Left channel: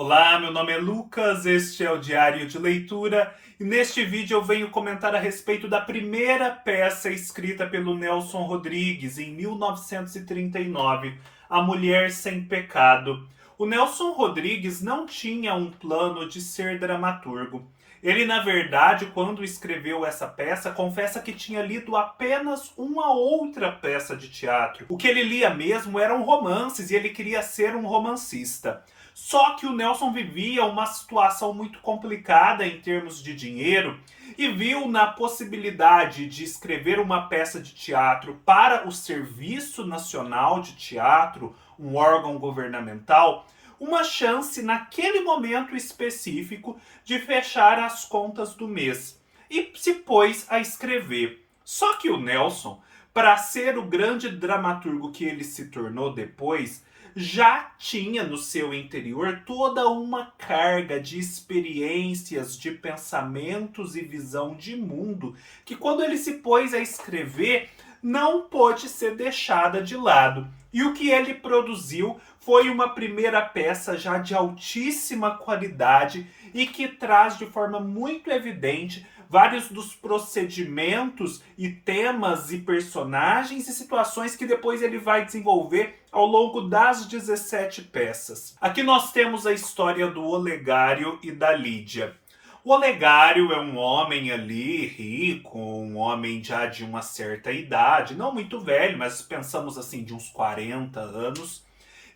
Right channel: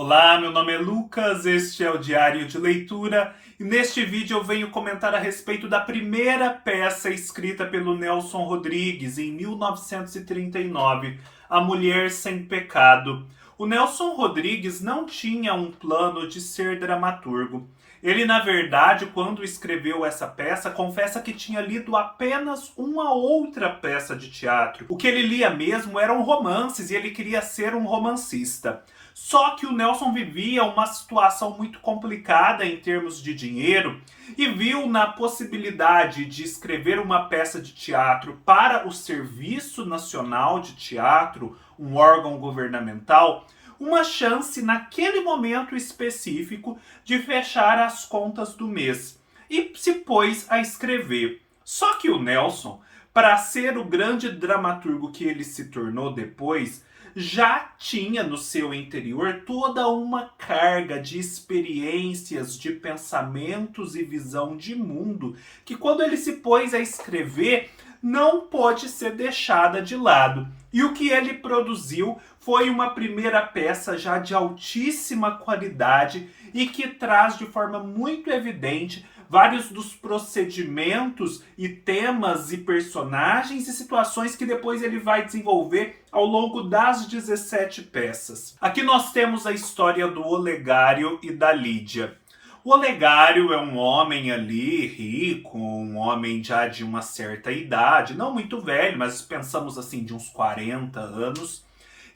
Olá, meu nome é Lucas, este é o Diário de Leitura e neste vídeo eu venho comentar a respeito da primeira peça escrita pelo Nelson Rodrigues em 1939, A Mulher Sem Pecado. O Nelson Rodrigues não tinha um plano de ser dramaturgo. Ele, na verdade, quando escreveu essa peça, confessa que tinha lido apenas uma outra peça de teatro. O que ele lia mesmo eram romances e ele queria ser um romancista. Só que o Nelson vivia uma situação muito complicada em termos de dinheiro e viu na possibilidade de escrever uma peça de teatro para o Serviço Nacional de Teatro, um órgão governamental, uma chance naquele momento específico de fechar as contas do mês. E se pôs a escrever. Só que o Nelson, para ser o grande dramaturgo que ele se tornou depois, já tinha no seu interior toda uma carga de experiências, de pensamentos e visão de mundo que, quando ele se pôs a escrever, não pôde ser deixada de lado. E o que ele produziu foi uma primeira peça já de altíssima qualidade e que traz de forma muito evidente vários dos procedimentos e temas e personagens e situações que depois ele vai desenvolver ao longo das 17 peças. Aqui nós temos a história do Olegário e da Lídia. O Olegário é um homem ali rico, um homem já de uma certa idade, não muito velho, mas pensamos assim de uns 40 anos,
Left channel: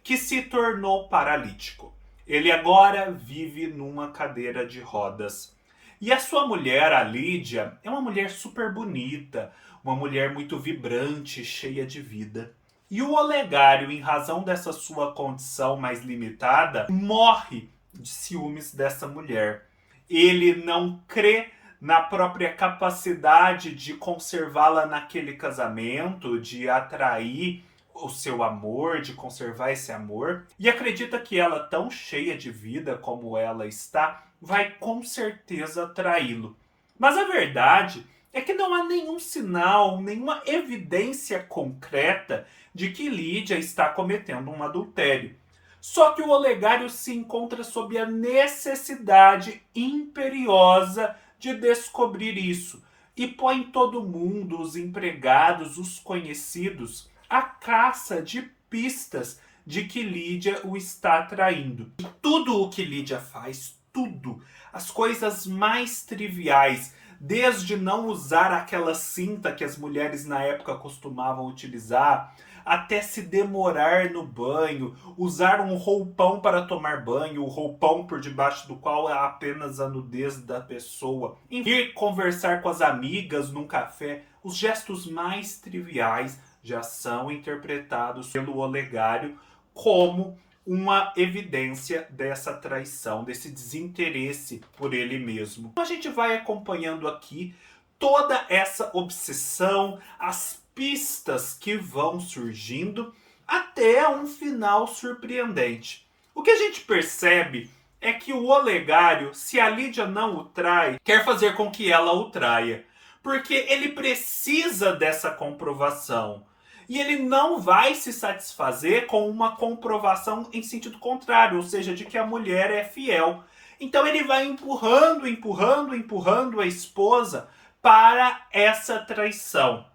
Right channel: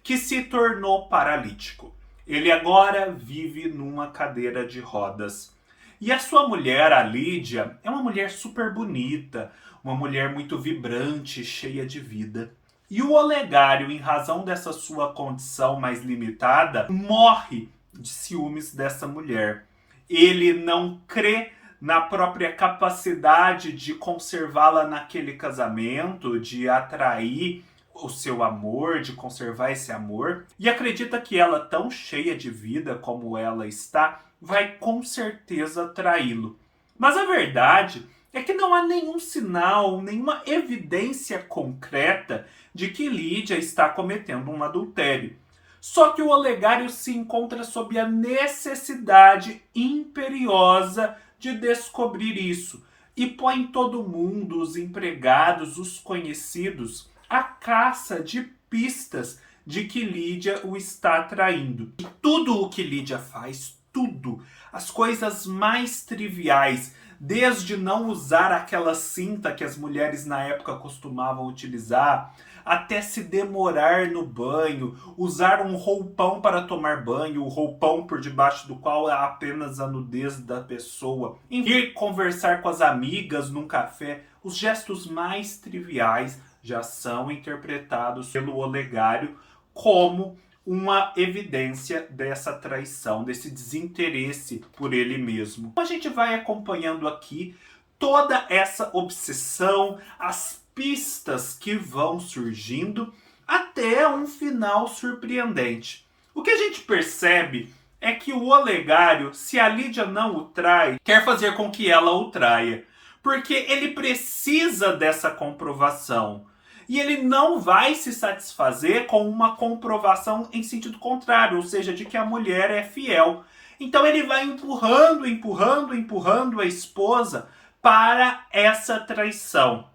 que se tornou paralítico. Ele agora vive numa cadeira de rodas. E a sua mulher, a Lídia, é uma mulher super bonita, uma mulher muito vibrante, cheia de vida. E o Olegário, em razão dessa sua condição mais limitada, morre de ciúmes dessa mulher. Ele não crê na própria capacidade de conservá-la naquele casamento, de atrair o seu amor, de conservar esse amor, e acredita que ela, tão cheia de vida como ela está, vai com certeza traí-lo. Mas a verdade é que não há nenhum sinal, nenhuma evidência concreta de que Lídia está cometendo um adultério. Só que o Olegário se encontra sob a necessidade imperiosa de descobrir isso e põe todo mundo, os empregados, os conhecidos, à caça de pistas de que Lídia o está traindo. E tudo o que Lídia faz, tudo, as coisas mais triviais, desde não usar aquela cinta que as mulheres na época costumavam utilizar, até se demorar no banho, usar um roupão para tomar banho, o roupão por debaixo do qual é apenas a nudez da pessoa, ir conversar com as amigas num café, os gestos mais triviais já são interpretados pelo Olegário como uma evidência dessa traição, desse desinteresse por ele mesmo. A gente vai acompanhando aqui toda essa obsessão, as pistas que vão surgindo até um final surpreendente. O que a gente percebe é que o Olegário, se a Lídia não o trai, quer fazer com que ela o traia, porque ele precisa dessa comprovação. E ele não vai se satisfazer com uma comprovação em sentido contrário, ou seja, de que a mulher é fiel. Então ele vai empurrando, empurrando, empurrando a esposa para essa traição.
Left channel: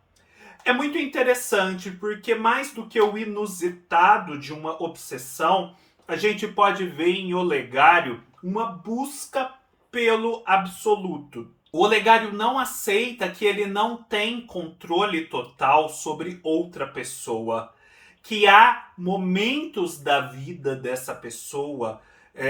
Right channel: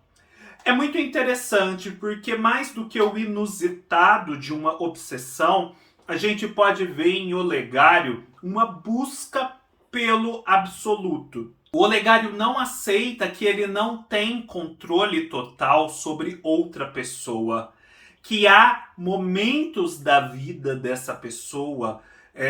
É muito interessante porque, mais do que o inusitado de uma obsessão, a gente pode ver em Olegário uma busca pelo absoluto. O Olegário não aceita que ele não tem controle total sobre outra pessoa, que há momentos da vida dessa pessoa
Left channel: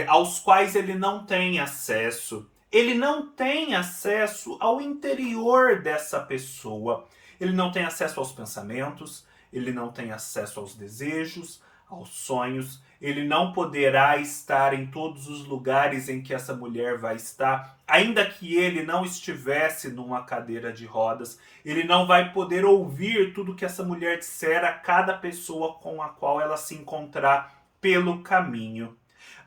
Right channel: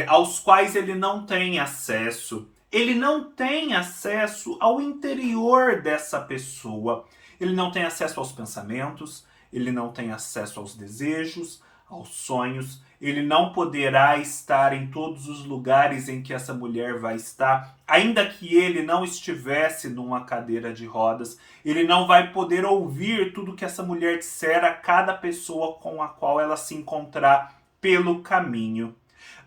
aos quais ele não tem acesso. Ele não tem acesso ao interior dessa pessoa. Ele não tem acesso aos pensamentos, ele não tem acesso aos desejos, aos sonhos. Ele não poderá estar em todos os lugares em que essa mulher vai estar, ainda que ele não estivesse numa cadeira de rodas. Ele não vai poder ouvir tudo que essa mulher disser a cada pessoa com a qual ela se encontrar pelo caminho.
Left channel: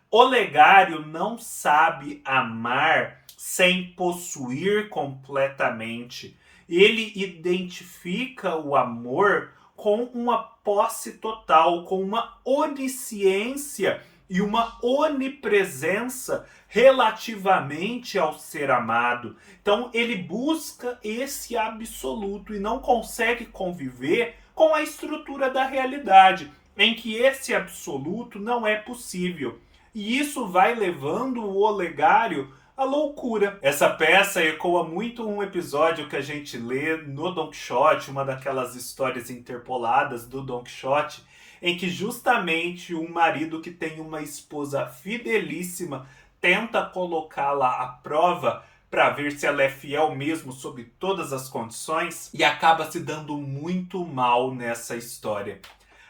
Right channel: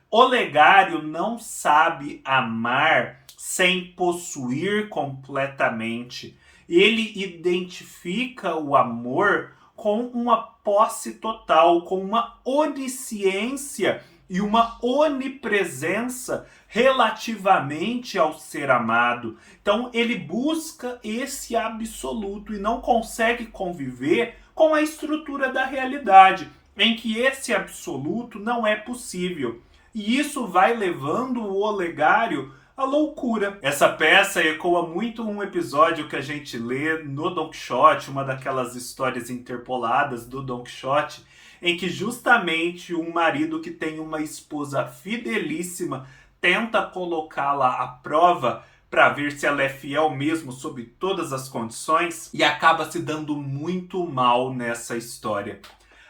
Olegário não sabe amar sem possuir completamente. Ele identifica o amor com uma posse total, com uma onisciência e uma onipresença relativamente ao ser amado. Então ele busca esse absoluto e não consegue conviver com a estrutura da realidade, em que esse absoluto não é possível. E isso vai levando o Olegário à loucura. Essa peça ecoa muito um episódio que a gente lê no Don Quixote, uma daquelas histórias interpoladas do Don Quixote, em que justamente um marido que tem uma esposa fidelíssima tenta colocá-la à prova para ver se ela é fiel mesmo sob todas as condições e acaba se dando muito mal nessa história.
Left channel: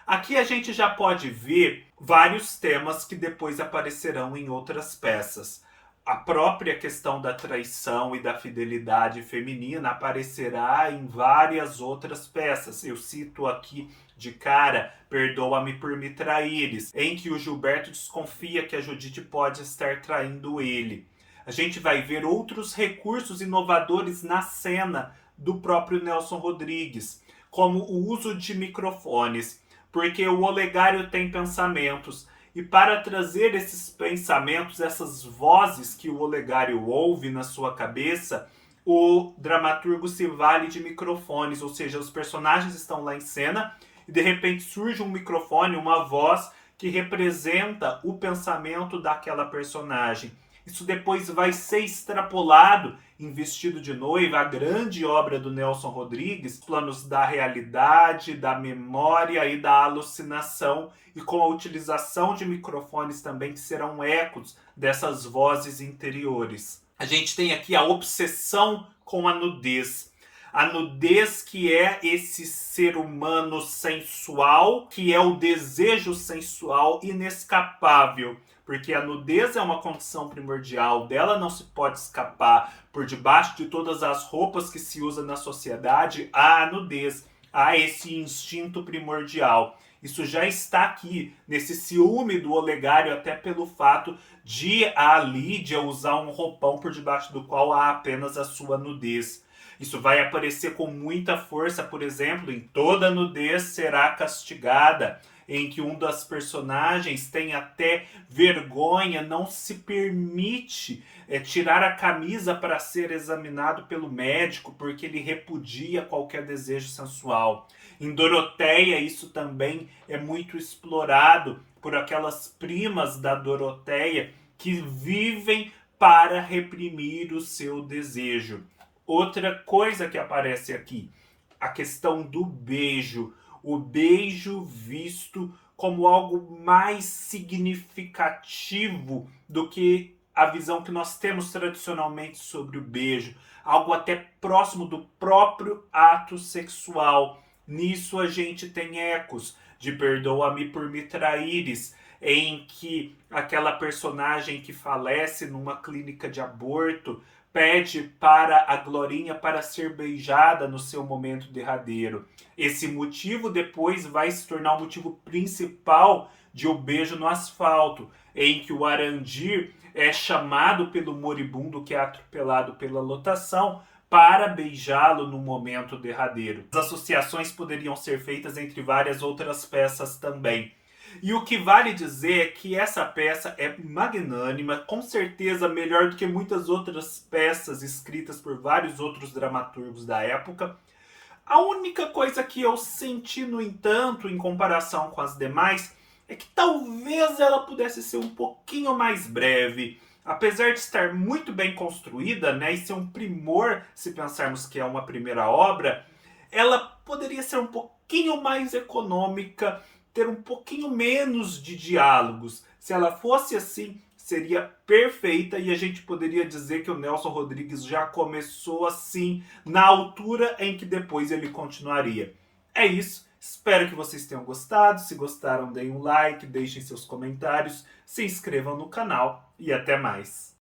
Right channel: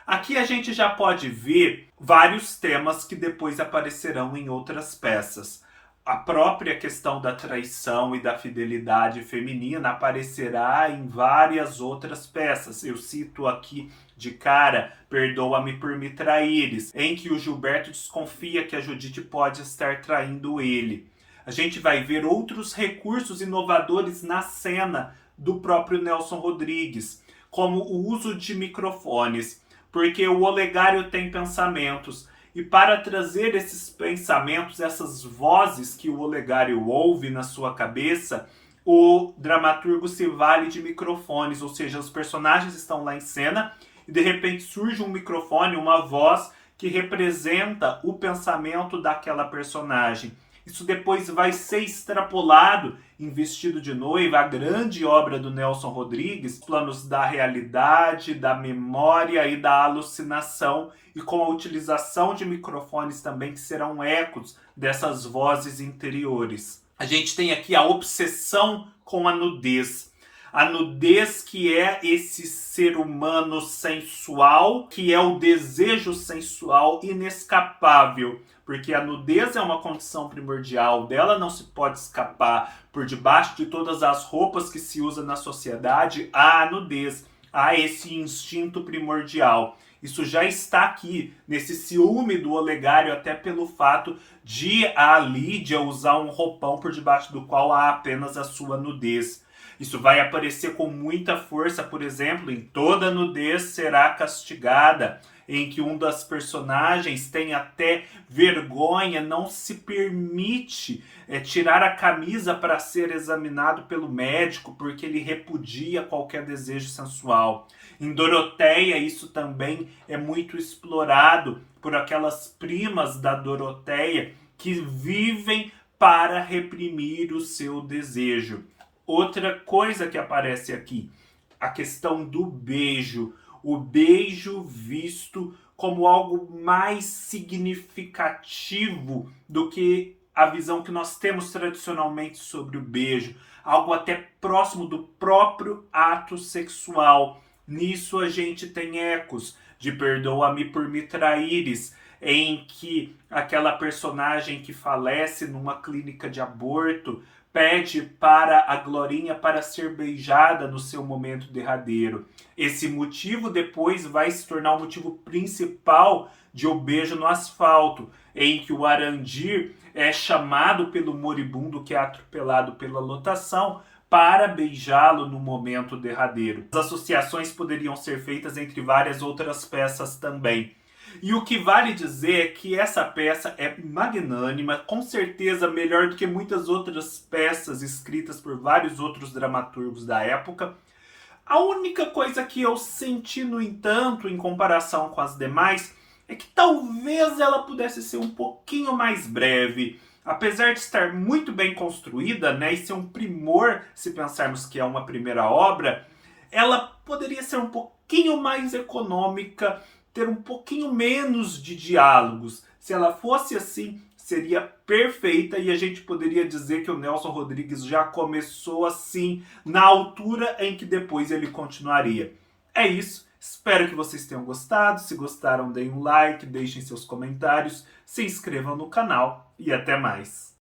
Aqui a gente já pode ver vários temas que depois aparecerão em outras peças. A própria questão da traição e da fidelidade feminina aparecerá em várias outras peças. Eu cito aqui de cara Perdoa-me por me traíres, em que o Gilberto desconfia que a Judite pode estar traindo ele. A gente vai ver outros recursos inovadores na cena do próprio Nelson Rodrigues, como o uso de microfones, porque o Olegário tem pensamentos, e para trazer esses pensamentos, essas vozes que o Olegário ouve na sua cabeça, o dramaturgo se vale de microfones, ou seja, os personagens estão lá em cena e de repente surge um microfone, uma voz que representa o pensamento daquela personagem. Isso depois vai ser extrapolado em Vestido de Noiva, a grande obra do Nelson Rodrigues, planos da realidade, da memória e da alucinação, e com a utilização de microfones também que serão ecos dessas vozes interiores. A gente tem aqui a obsessão com a nudez. A nudez que é esse ser humano sensual, que é o desejo sensual inescapável, porque a nudez é uma condição primordial, dela não se pode escapar. Por debaixo de todas as roupas que se usa na sociedade, há a nudez, há esse instinto primordial. Isso já está aqui, nesse ciúme do Olegário, até pelo fato de a Lídia usar um roupão por debaixo do qual há apenas a sua nudez. Isso vai aparecer com muita força, por exemplo, em Toda Nudez Será Castigada, em que um das personagens tem até vergonha, não se permite tirar a camisa para ser examinado pelo médico, porque ele repudia qualquer desejo sensual. Em Doroteia, isso também é muito explorado por aquelas primas da Doroteia que vivem para reprimir o seu desejo. Outra coisa que aparece aqui, a questão do beijo. O beijo visto como algo mais significativo do que a visão que nós temos tradicionalmente sobre o beijo. Algo até próximo do próprio ato sexual. Nisso a gente tem ecos de Perdoa-me por me traíres, em que aquela personagem que falece numa clínica de aborto pede para a Glorinha para ser beijada no seu momento derradeiro. Esse motivo depois vai se tornar o motivo principal de O Beijo no Asfalto, em que o Arandir é chamado pelo moribundo que é atropelado pela lotação para beijá-lo no momento derradeiro. As associações poderiam ser feitas entre várias outras peças também. E o que vale dizer é que essa peça é magnânima, com certeza melhor do que muitas outras peças escritas por vários outros dramaturgos da época. A única coisa que eu senti, no entanto, em comparação com as demais, é que talvez ela pudesse ser um pouquinho mais breve. Apesar de estar muito bem construída, né, e ser um primor, se pensarmos que é uma primeira obra, ela poderia ser um pouquinho mais econômica, ter um pouquinho menos de diálogos. Se ela fosse assim, seria perfeita e a gente poderia dizer que o Nelson Rodrigues já começou assim, na altura em que depois ele continuaria. É isso, espero que vocês tenham gostado. Se gostaram, deem um like, deixem seus comentários, se inscrevam no canal e até mais.